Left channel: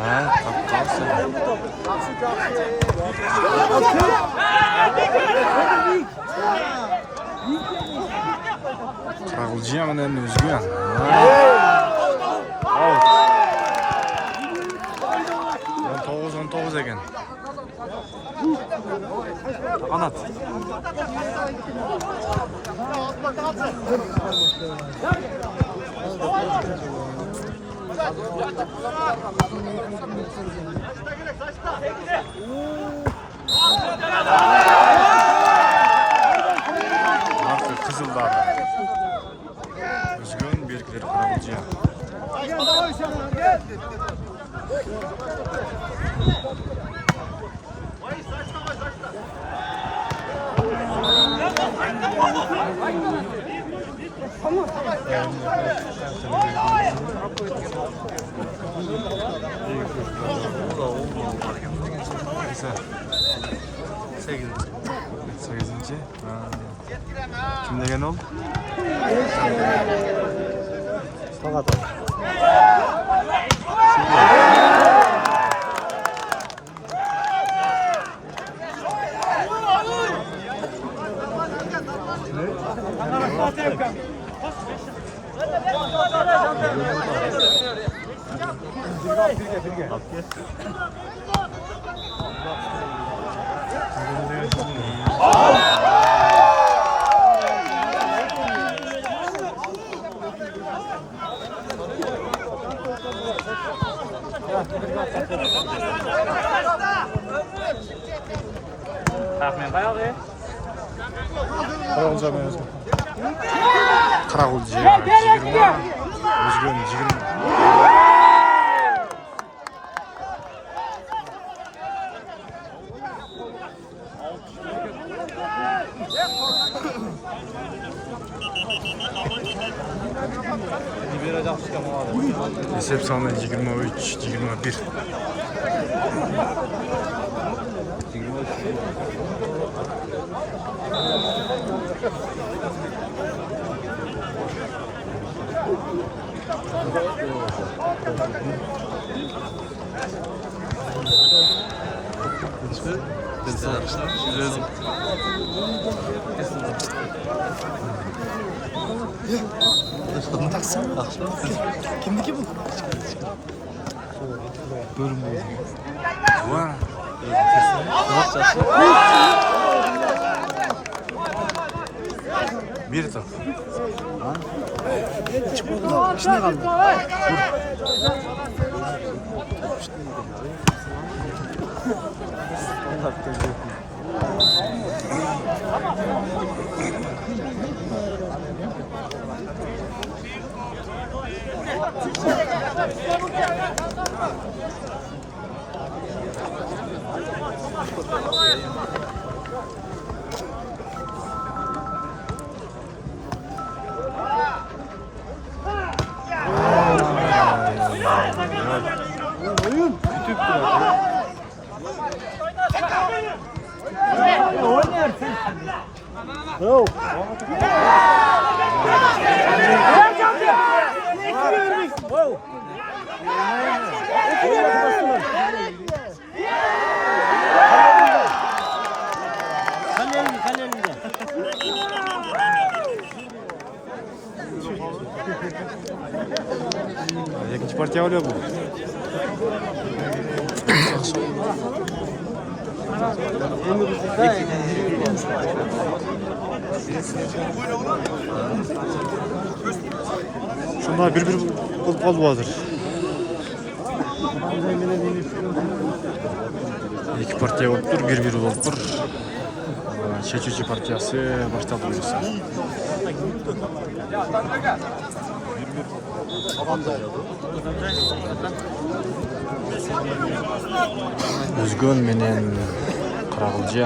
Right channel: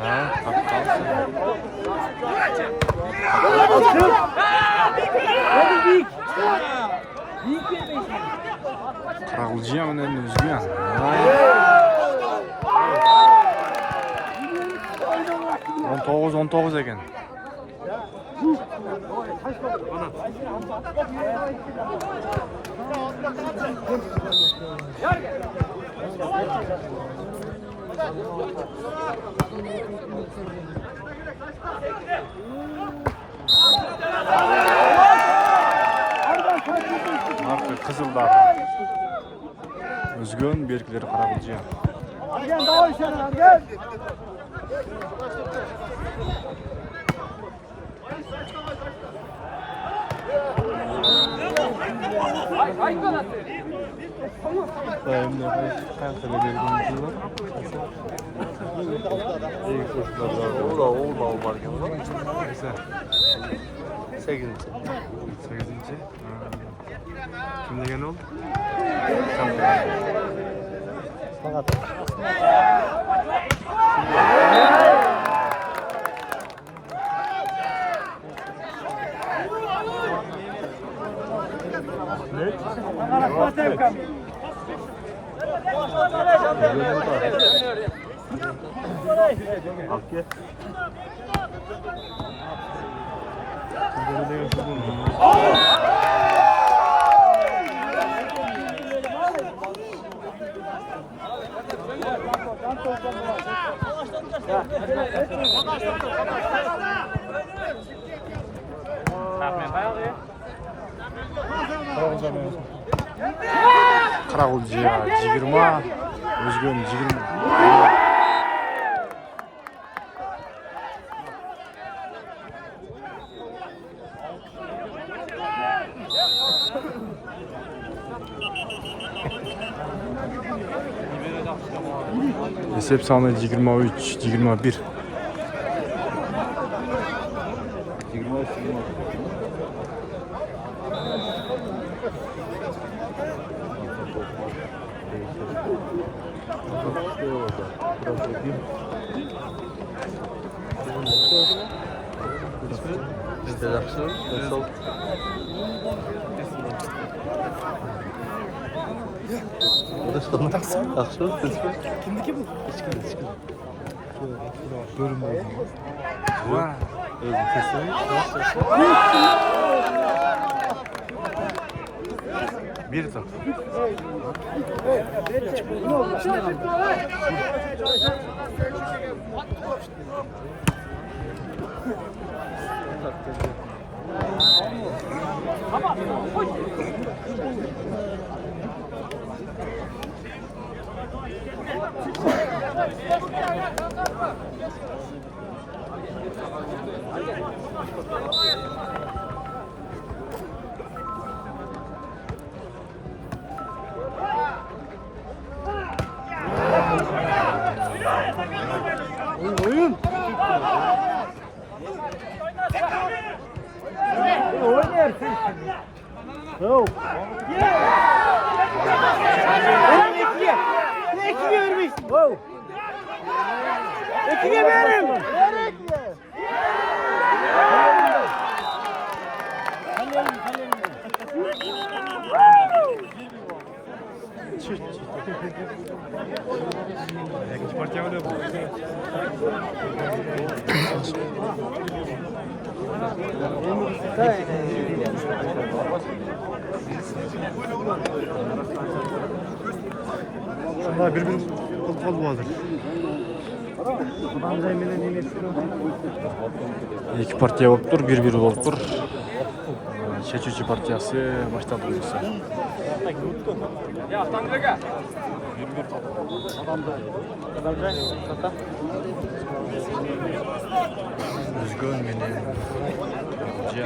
Ha, tapqalsa. Qirag'ilji ham endi o'zgu ham. 19 ekan. Qanat. Marka Qizildar. O'zgun berkilari Qirag'ilji. Sekizinci. Kim degan oldu? Qirag'ilji 20, O'zgun 20. Esep sonu 23, 21. Kimdeki bu? Bölümdeyiz. Vay. Bir top. İçine kaldı. Oynayarsın. Yok. Wow. Oynak bastılar. Kalelinde. Yakınç partiya oluyor bu. Şunlar bir bulup kaldı vardır. İki partiya olup dur, bir olup dur. Çeçici partiyası başladı buyursa. O'zgun menen Qirag'ilji.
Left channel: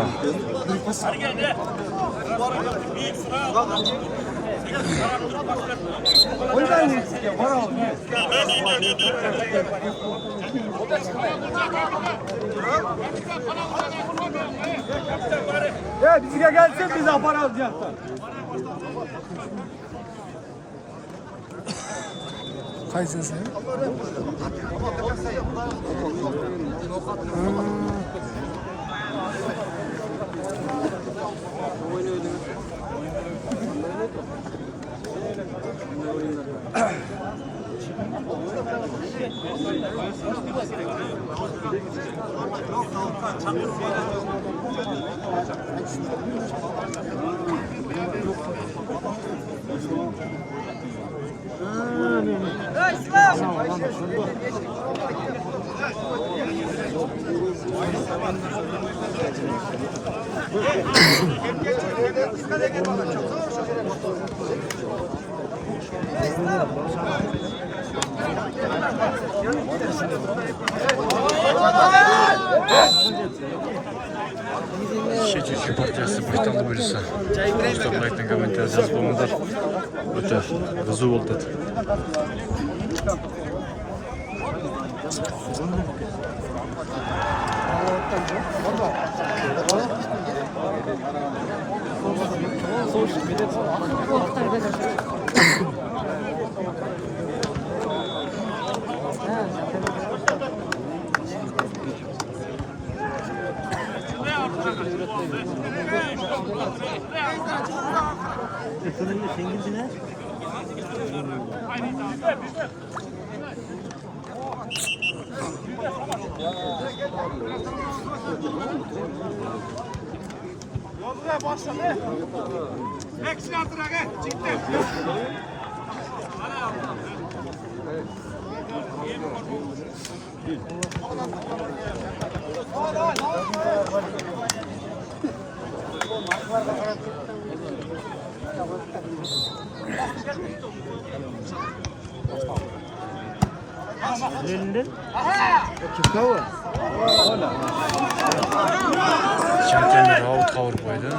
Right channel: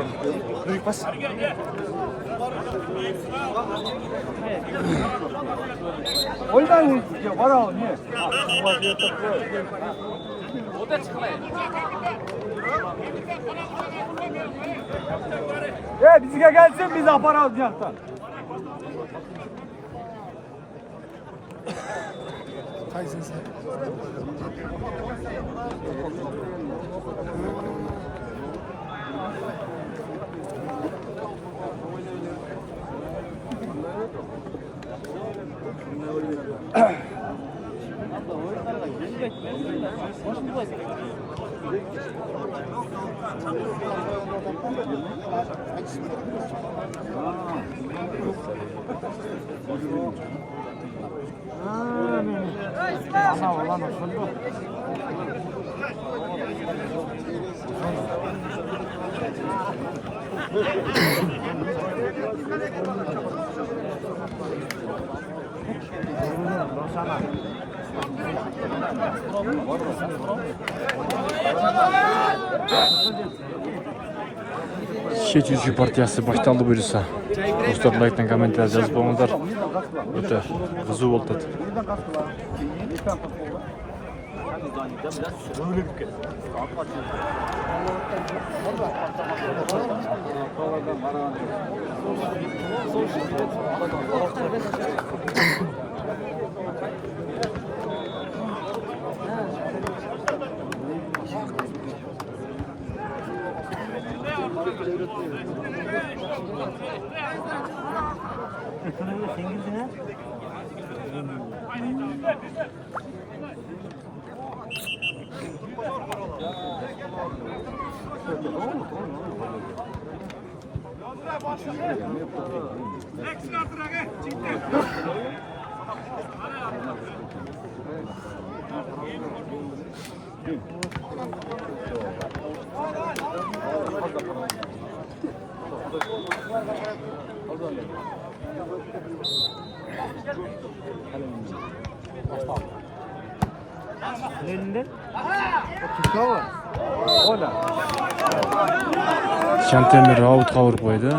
Oydan ya para o ne? Ya bize gelsin biz para alacaklar. Qaysi sen? Ana olan şunu. Şeçücü partiyası başlandı bölüsü. Dostlar, like'dan kommentar yazıp qo'yinglar. O'ta g'izov bo'ldi. Elinden. O kimka var? Şantemir out kavur qo'ydi.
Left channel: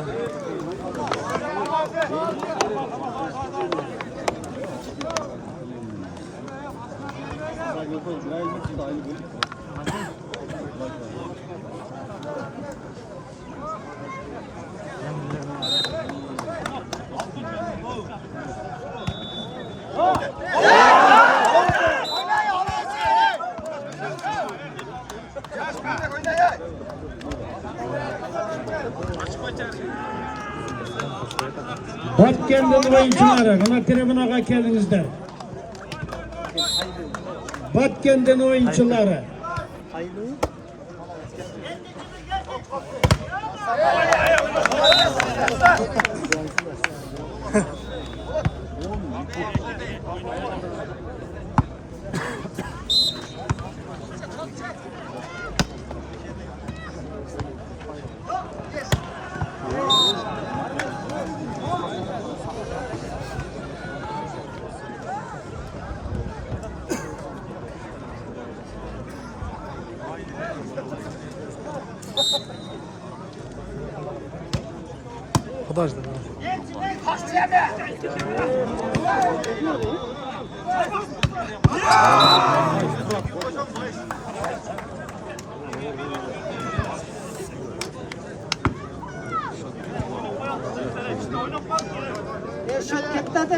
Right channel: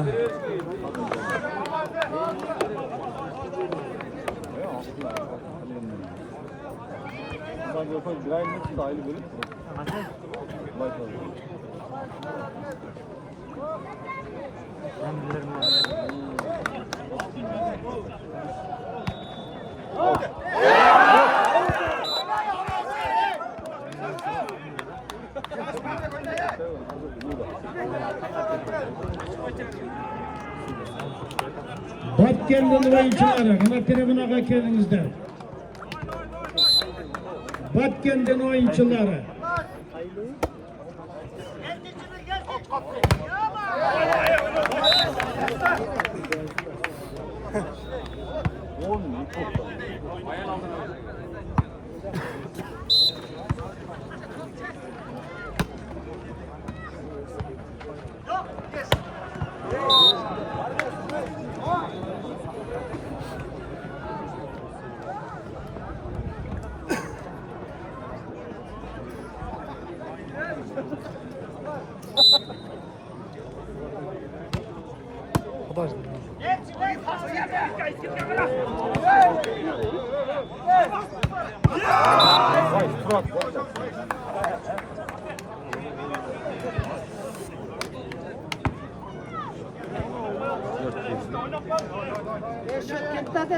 Batken'den oyuncuları, ana tribünaga geldinizler. Batken'den oyuncuları.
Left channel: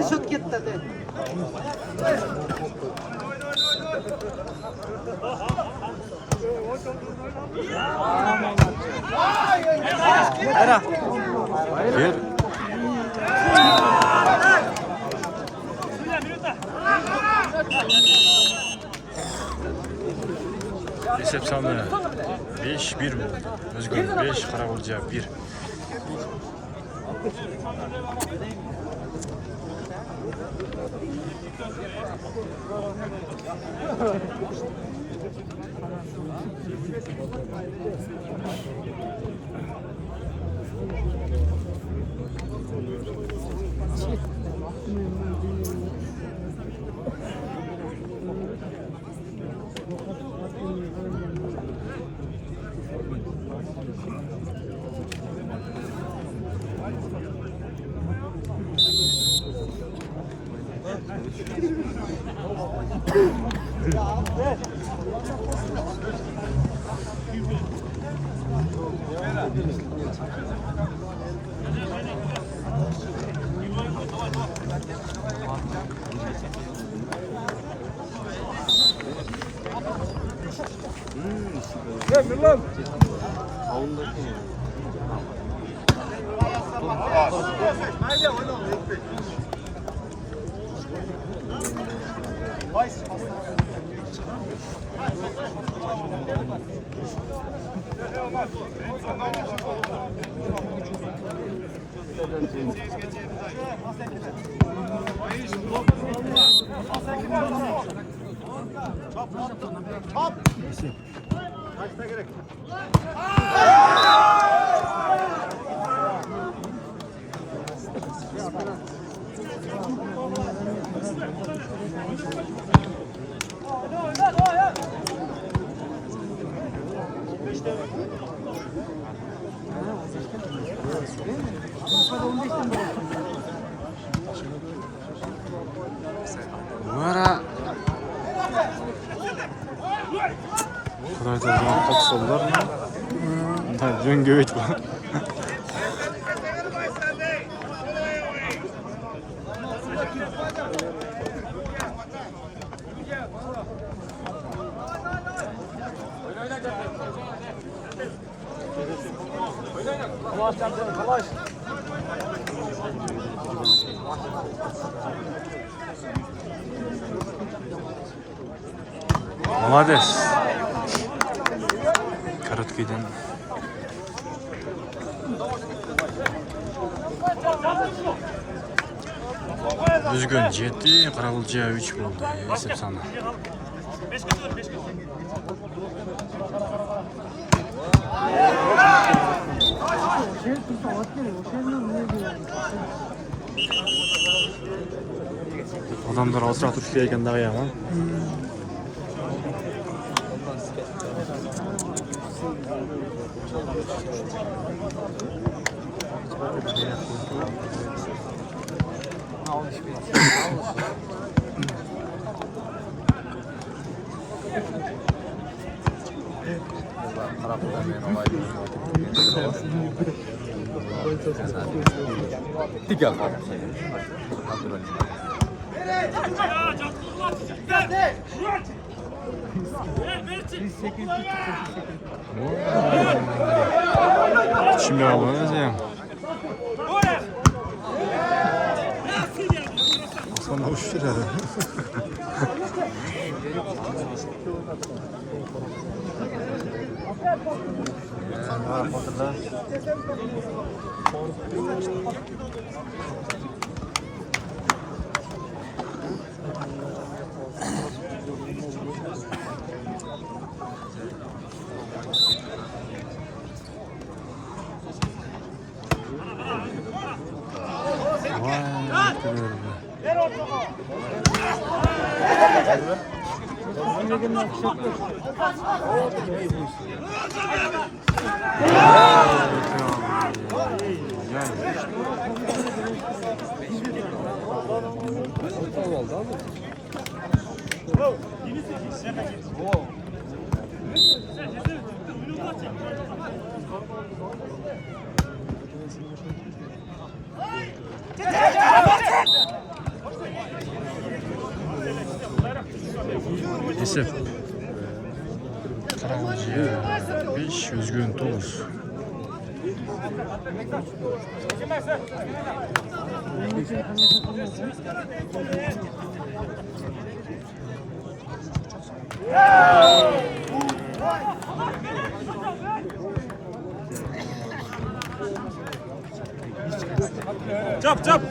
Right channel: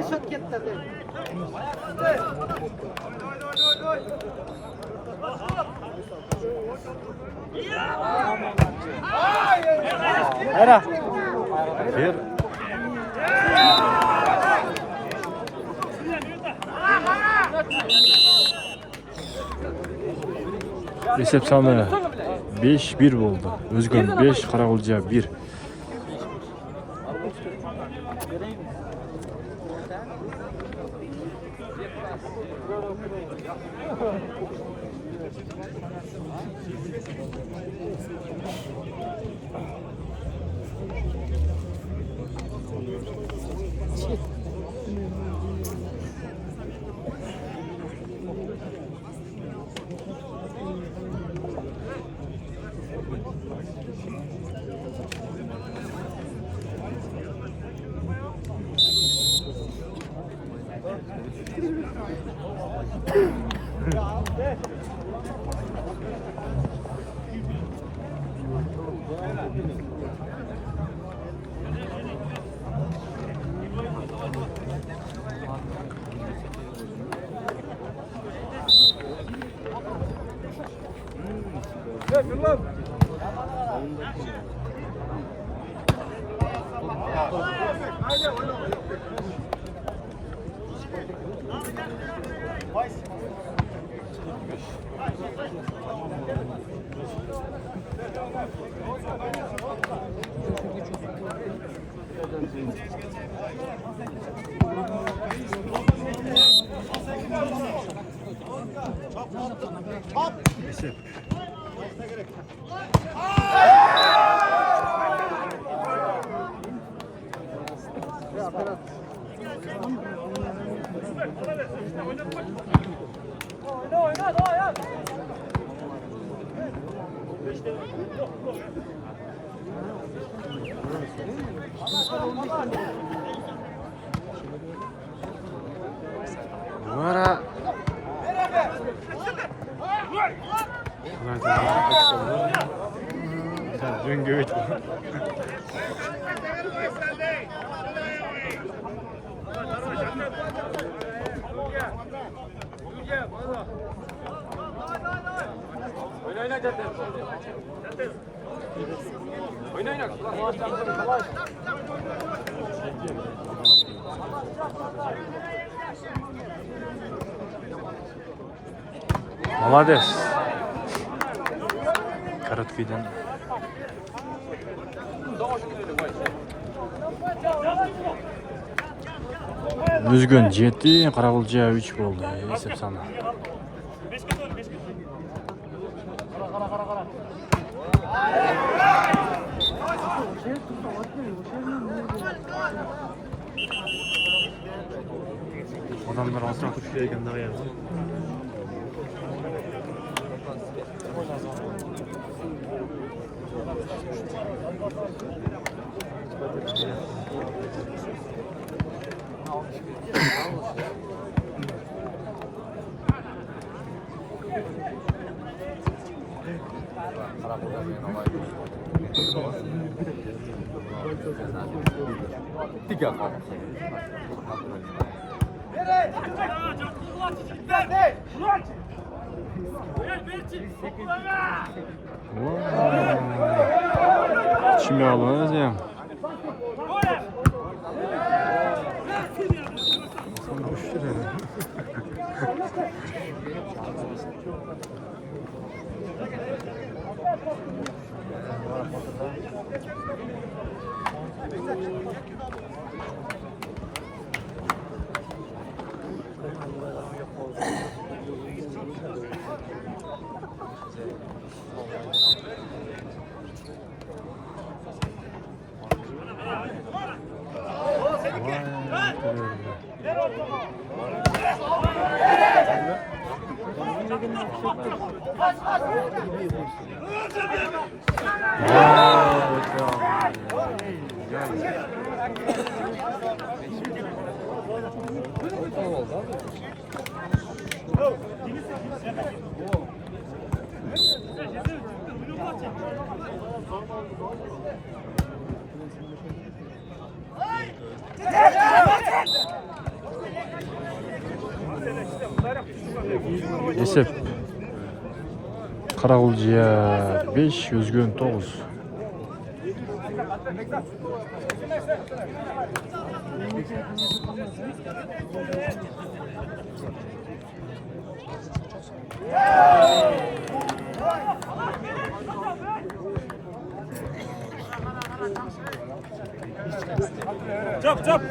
Şok ketdi. Bir. Esep sonu 5-1 bo'ldi. O'zgan 5, Qarag'ulja 1. Vara. Burayda da topsollar. Dün göğüt var. Молодец. Korotkiydan. Üzgün 7, Qarag'ulja 3 bo'ldi. Hisob soni. Adamlar asra turishga ekanda yomon. İçime alınız ya. Sana hoş geldin. Vay, görüyorum ben. Esep Qarag'ulja 5, Üzgün 9. Çap çap.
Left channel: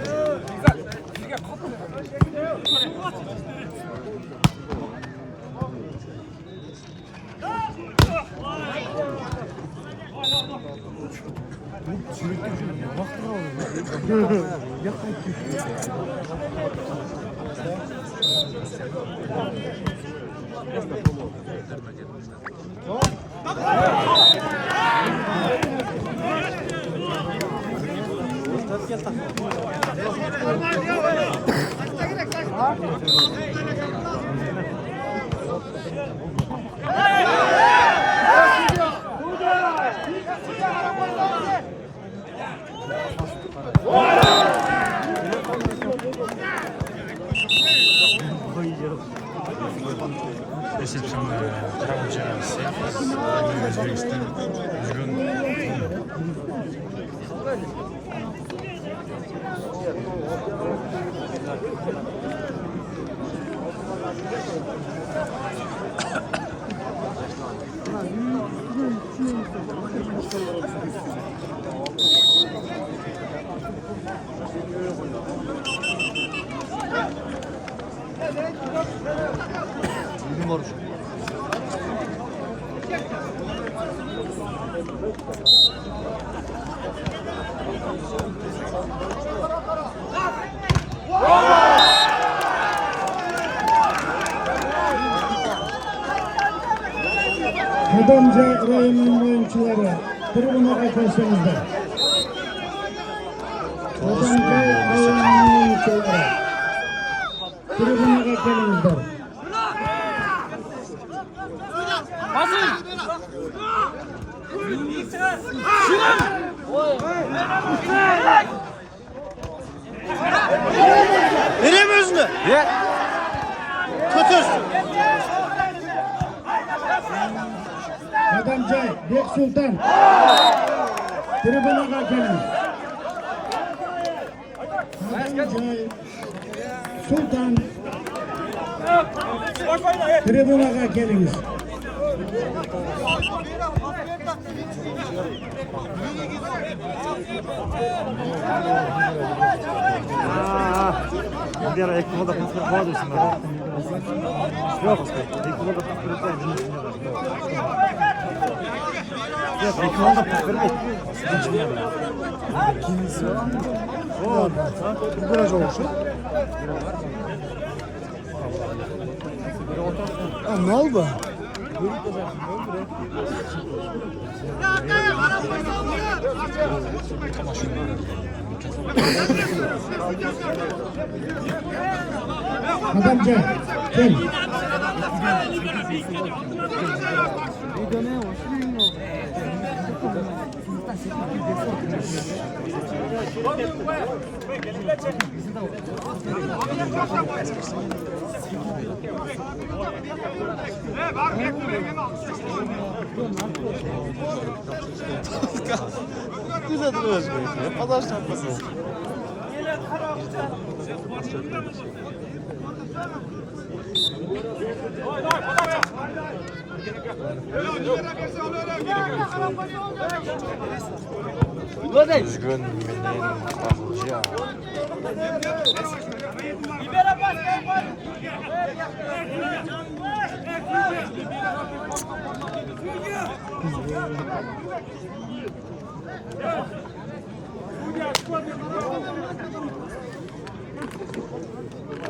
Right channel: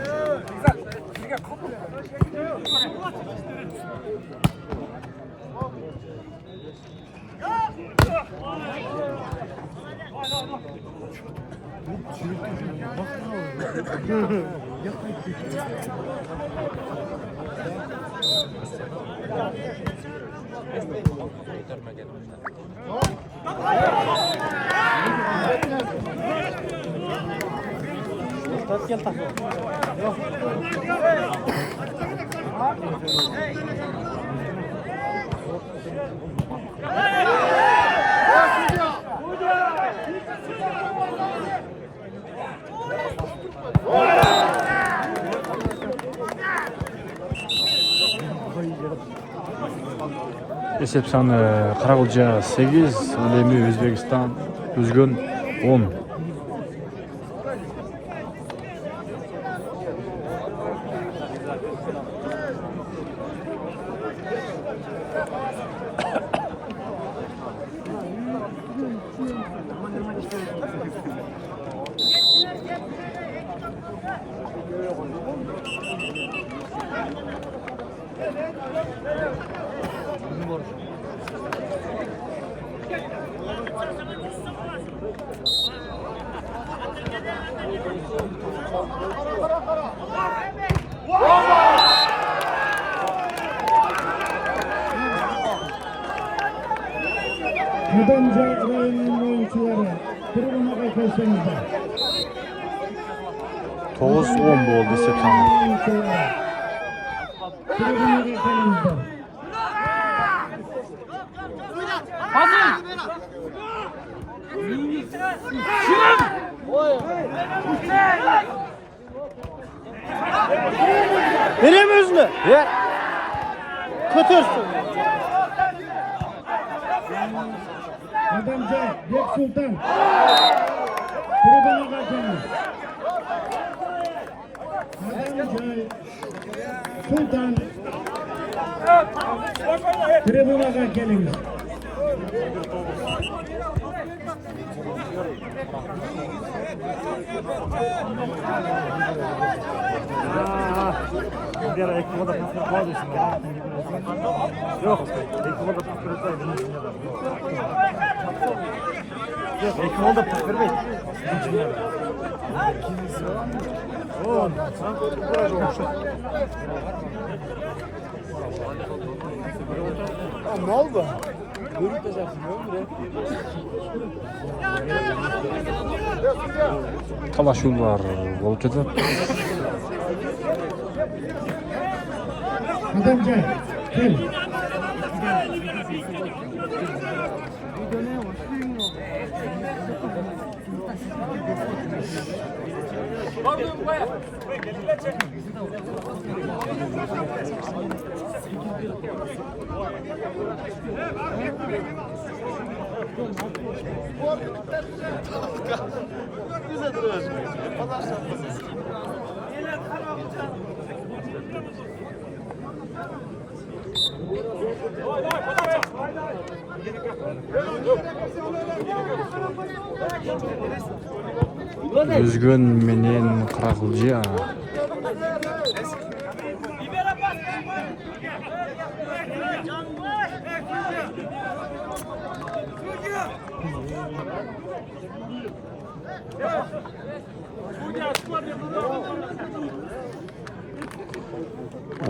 Esep sаны Каракулча 8, эми Өзбекстан Өзгөн 10. Adamca rayonunun oyuncuları tribüne kelsenize. 9-10 oldu Esep sаны. Tribüne kelsenize. Vereyim özünü. Ver. Kötürsün. Adamca Bek Sultan. Tribüne kelsenize. Adamca Sultan. Tribüne kelsenize. Bir ara Ekmo'da pıskırıp var dışında. Yok, Ekmo'da pıskırıp var dışında. Yok, Ekmo'da pıskırıp var dışında. Oo, ha? Biraz olmuş. Ne oldu? Талашуулар болуп жатат. Adamca gel. Өзгөн менен Каракулча.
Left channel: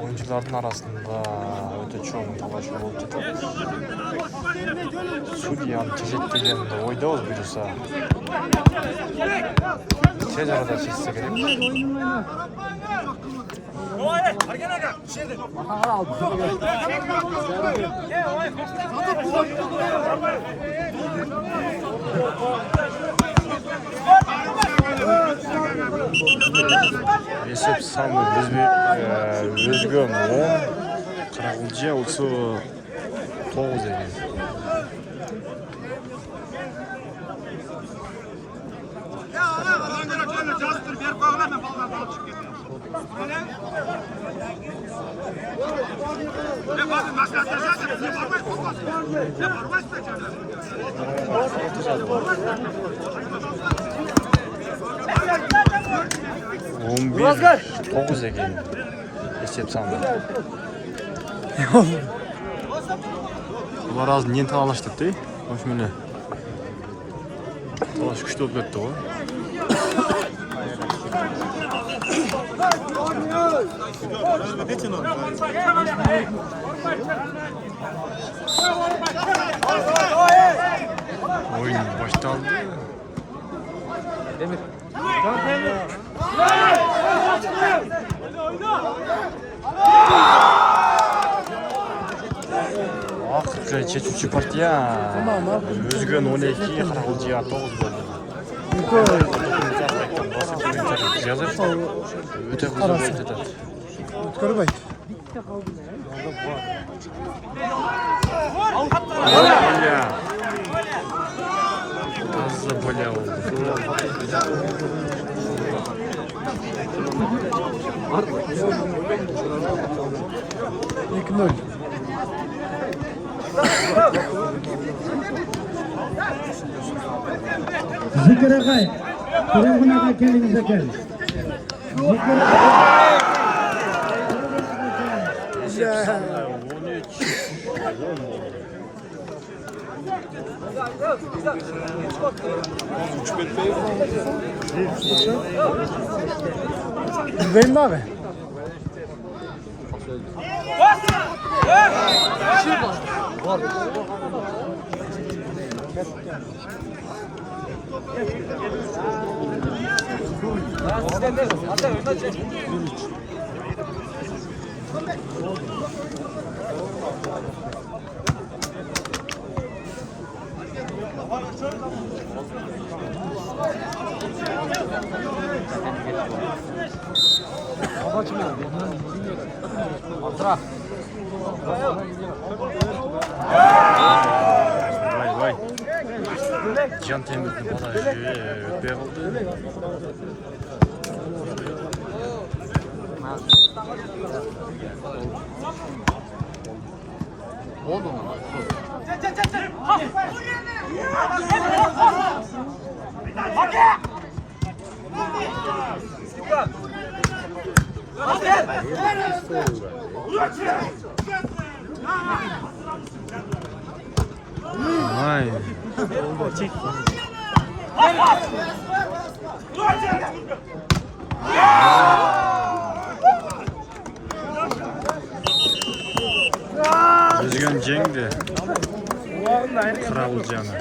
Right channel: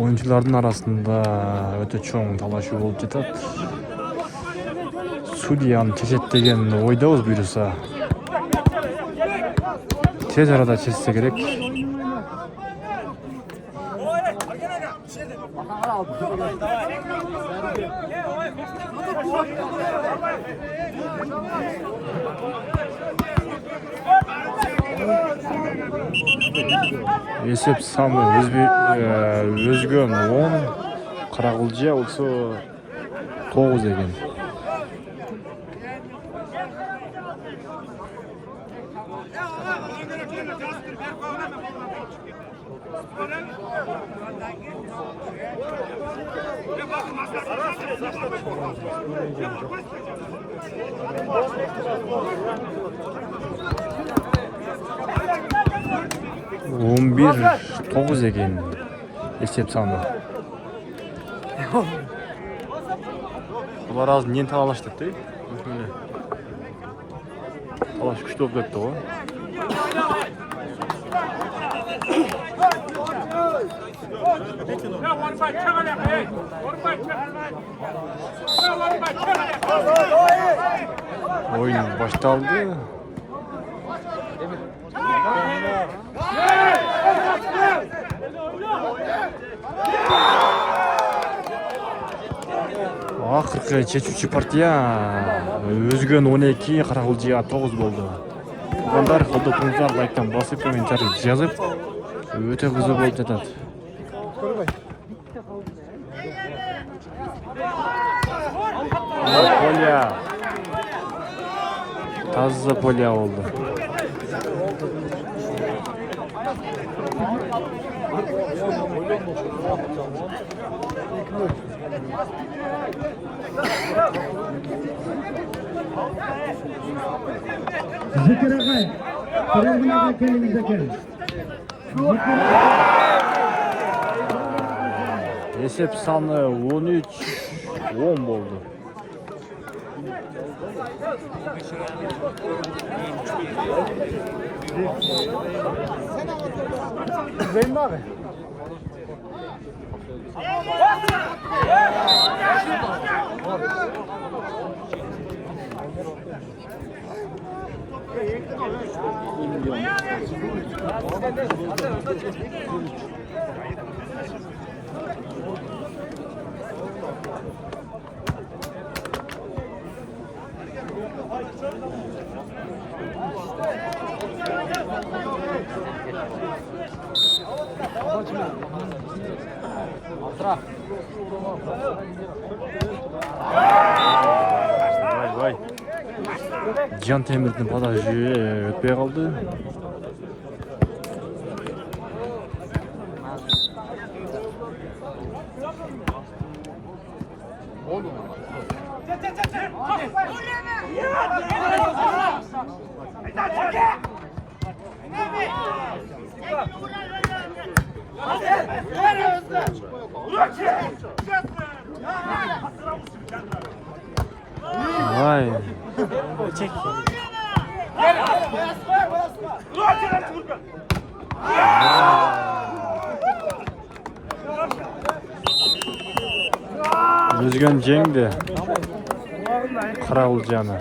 Oyuncuların arasında öte çoğun talaşıyor olup жатат. Судьяны чечет деген ойдобуз буюрса. Tez arada çizse gerek. Esep sаны Өзгөн 10, Каракулча болсо 9 экен. Он бир 9 экен эсеп саны. Булар азыр эмнени талаштып да? Ошо эле. Талаш күчтүү болуп кетти го. Oyun başlandı. Akırkı çeçuçi partiya. Özgön 12, Каракулча 9 болду. Onlar fotoğraflar ayttan basıp komentar yazıp öte kızı болуп жатат. Polya. Таза polya oldu. Zikir Akay. Telefon Akay kendinize gelin. Esep sanı 13 10 oldu. Benim mi abi? Vay vay. Can Temiz'in barajı ötmeye kaldı. Vay. Rüzgar Ceng'di. Karaulcanı.